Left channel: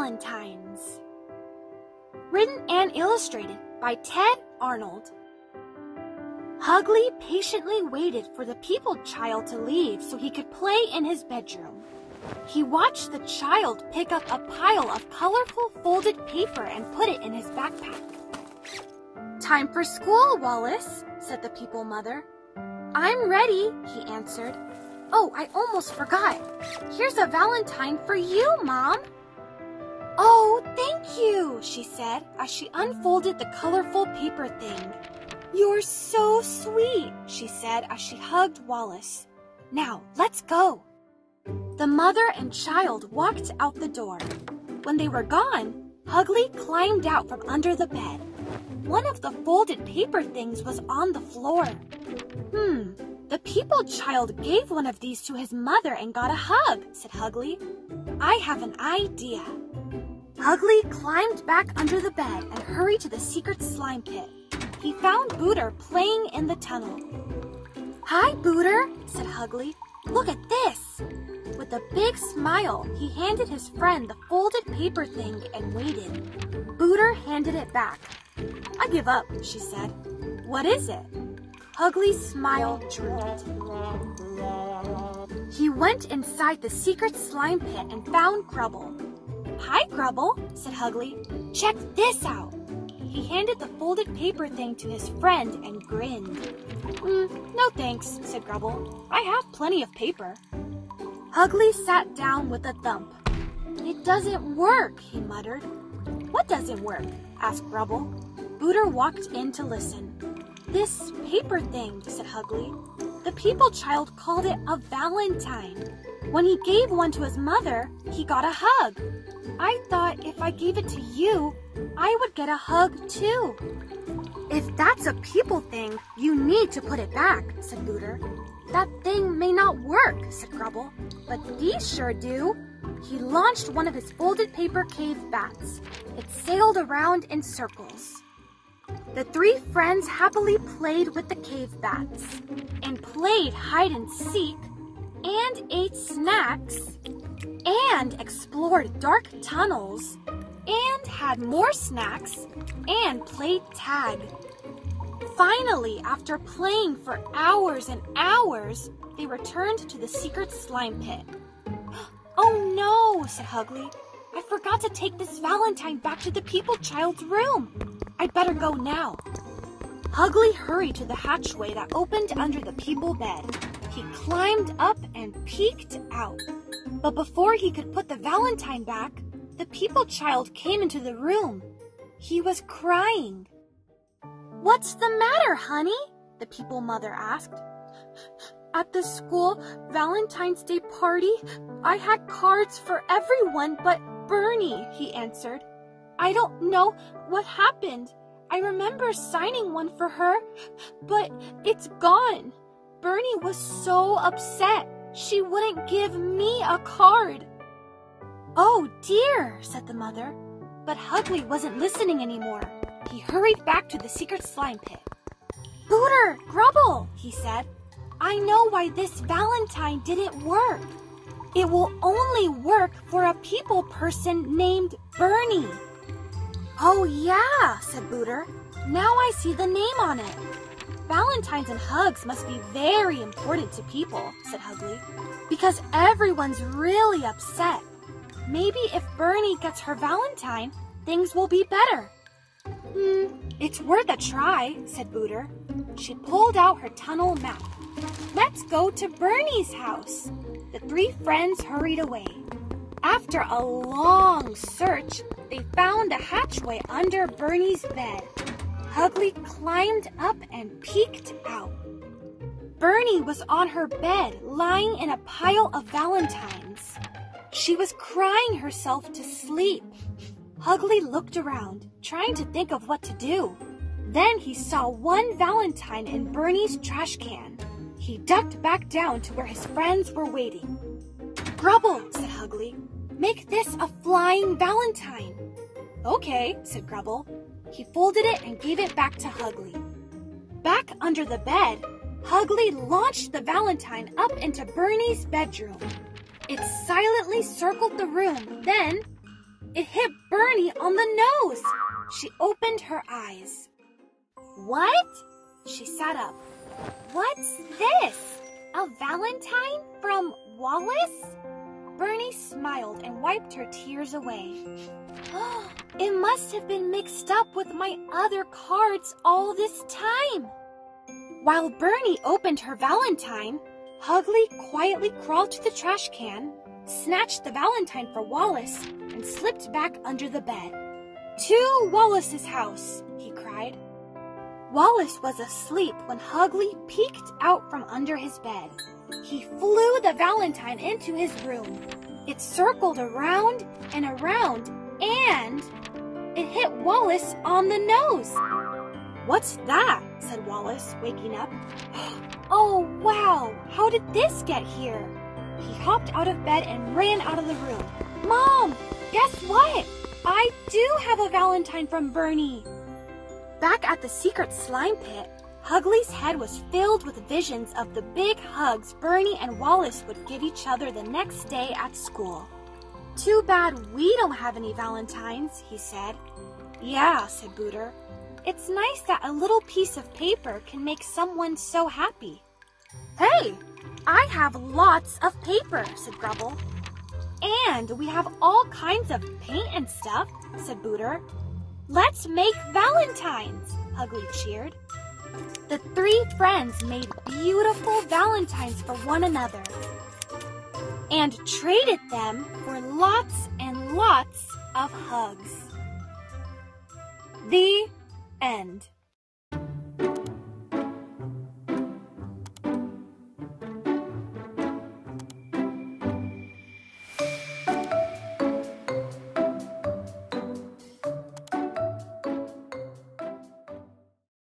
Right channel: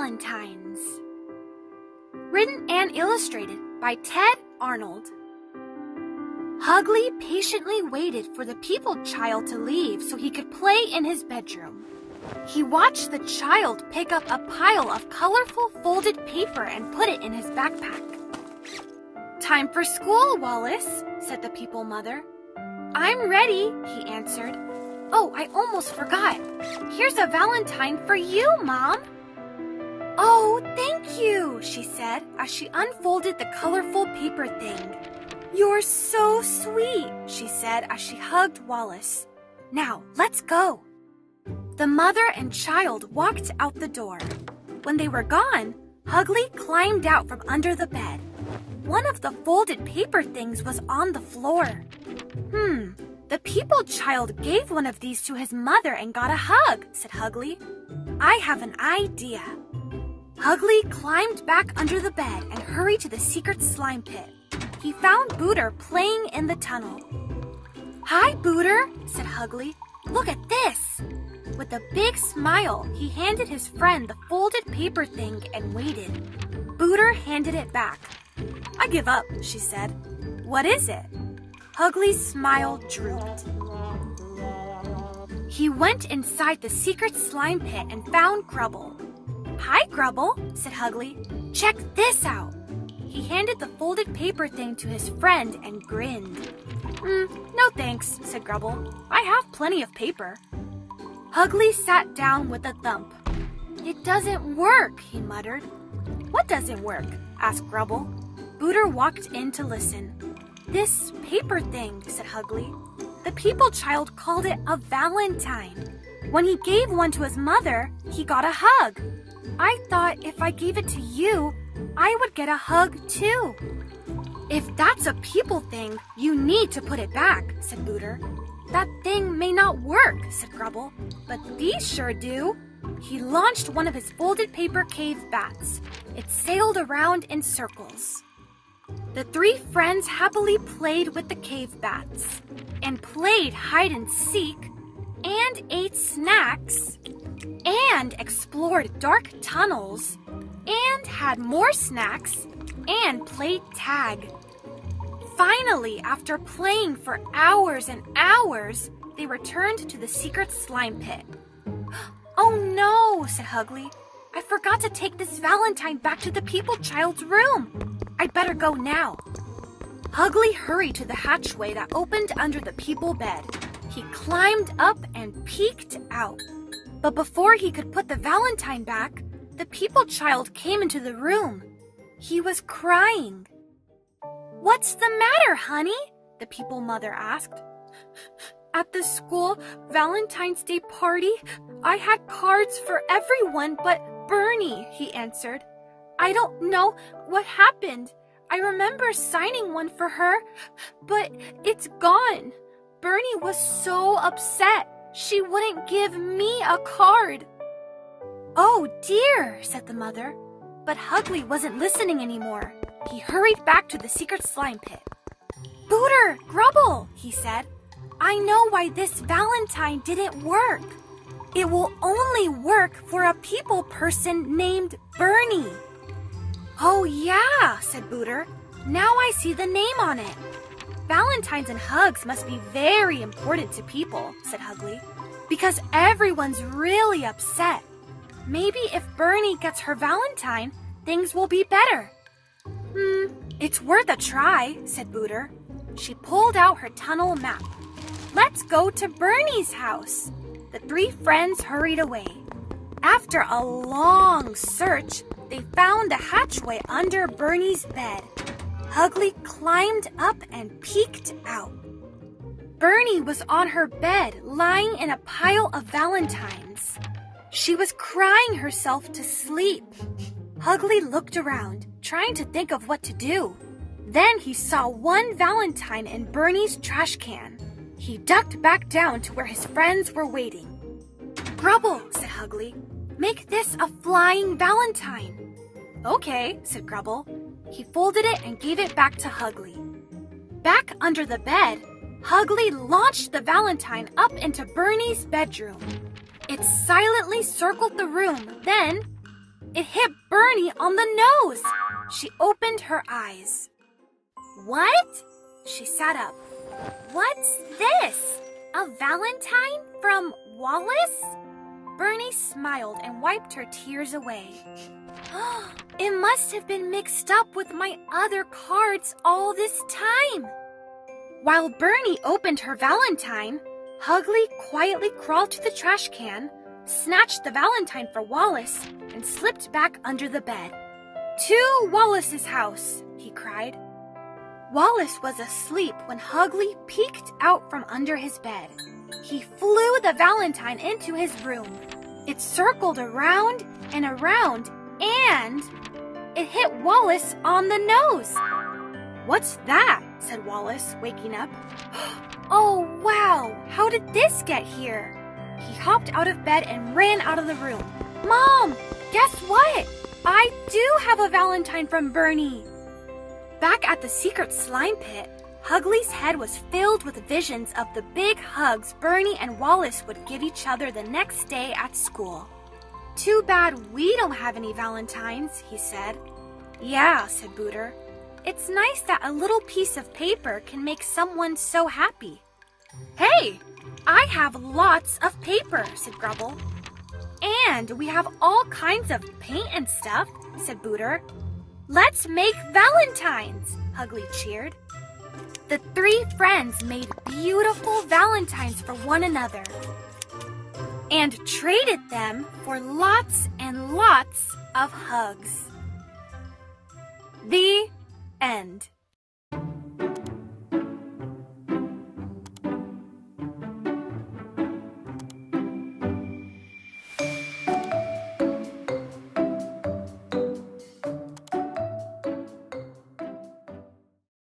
Valentines. Written and illustrated by Ted Arnold. Hugly patiently waited for the people child to leave so he could play in his bedroom. He watched the child pick up a pile of colorful folded paper and put it in his backpack. "Time for school, Wallace," said the people mother. "I'm ready," he answered. "Oh, I almost forgot. Here's a Valentine for you, Mom." "Oh, thank you," she said as she unfolded the colorful paper thing. "You're so sweet," she said as she hugged Wallace. "Now, let's go." The mother and child walked out the door. When they were gone, Hugly climbed out from under the bed. One of the folded paper things was on the floor. The people child gave one of these to his mother and got a hug, said Hugly. "I have an idea." Hugly climbed back under the bed and hurried to the secret slime pit. He found Booter playing in the tunnel. "Hi, Booter," said Hugly. "Look at this." With a big smile, he handed his friend the folded paper thing and waited. Booter handed it back. "I give up," she said. "What is it?" Hugly's smile drooped. He went inside the secret slime pit and found Grubble. "Hi, Grubble," said Hugly. "Check this out." He handed the folded paper thing to his friend and grinned. "No thanks," said Grubble. "I have plenty of paper." Hugly sat down with a thump. "It doesn't work," he muttered. "What doesn't work?" asked Grubble. Booter walked in to listen. "This paper thing," said Hugly. "The people child called it a Valentine. When he gave one to his mother, he got a hug. I thought if I gave it to you, I would get a hug too." "If that's a people thing, you need to put it back," said Booter. "That thing may not work," said Grubble, "but these sure do." He launched one of his folded paper cave bats. It sailed around in circles. The three friends happily played with the cave bats, and played hide and seek, and ate snacks, and explored dark tunnels, and had more snacks, and played tag. Finally, after playing for hours and hours, they returned to the secret slime pit. "Oh no," said Hugly. "I forgot to take this Valentine back to the people child's room. I'd better go now." Hugly hurried to the hatchway that opened under the people bed. He climbed up and peeked out. But before he could put the Valentine back, the people child came into the room. He was crying. "What's the matter, honey?" the people mother asked. "At the school Valentine's Day party, I had cards for everyone but Bernie," he answered. "I don't know what happened. I remember signing one for her, but it's gone. Bernie was so upset. She wouldn't give me a card." "Oh dear," said the mother. But Hugly wasn't listening anymore. He hurried back to the secret slime pit. "Booter, Grubble," he said. "I know why this Valentine didn't work. It will only work for a people person named Bernie." "Oh yeah," said Booter. "Now I see the name on it. Valentines and hugs must be very important to people," said Hugly, "because everyone's really upset. Maybe if Bernie gets her Valentine, things will be better." "It's worth a try," said Booter. She pulled out her tunnel map. "Let's go to Bernie's house." The three friends hurried away. After a long search, they found the hatchway under Bernie's bed. Hugly climbed up and peeked out. Bernie was on her bed, lying in a pile of Valentines. She was crying herself to sleep. Hugly looked around, trying to think of what to do. Then he saw one Valentine in Bernie's trash can. He ducked back down to where his friends were waiting. "Grubble," said Hugly, "make this a flying Valentine." "Okay," said Grubble. He folded it and gave it back to Hugly. Back under the bed, Hugly launched the Valentine up into Bernie's bedroom. It silently circled the room, then It hit Bernie on the nose. She opened her eyes. What? She sat up. What's this? A Valentine from Wallace? Bernie smiled and wiped her tears away. It must have been mixed up with my other cards all this time. While Bernie opened her Valentine, Hugly quietly crawled to the trash can, snatched the Valentine for Wallace, and slipped back under the bed. To Wallace's house, he cried. Wallace was asleep when Hugly peeked out from under his bed. He flew the Valentine into his room. It circled around and around, and it hit Wallace on the nose. What's that? Said Wallace, waking up. Oh, wow! How did this get here? He hopped out of bed and ran out of the room. Mom, guess what? I do have a Valentine from Bernie. Back at the secret slime pit, Hugly's head was filled with visions of the big hugs Bernie and Wallace would give each other the next day at school. Too bad we don't have any Valentines, he said. Yeah, said Booter. It's nice that a little piece of paper can make someone so happy. Hey, I have lots of paper, said Grubble. And we have all kinds of paint and stuff, said Booter. Let's make Valentines, Hugly cheered. The three friends made beautiful Valentines for one another and traded them for lots and lots of hugs. The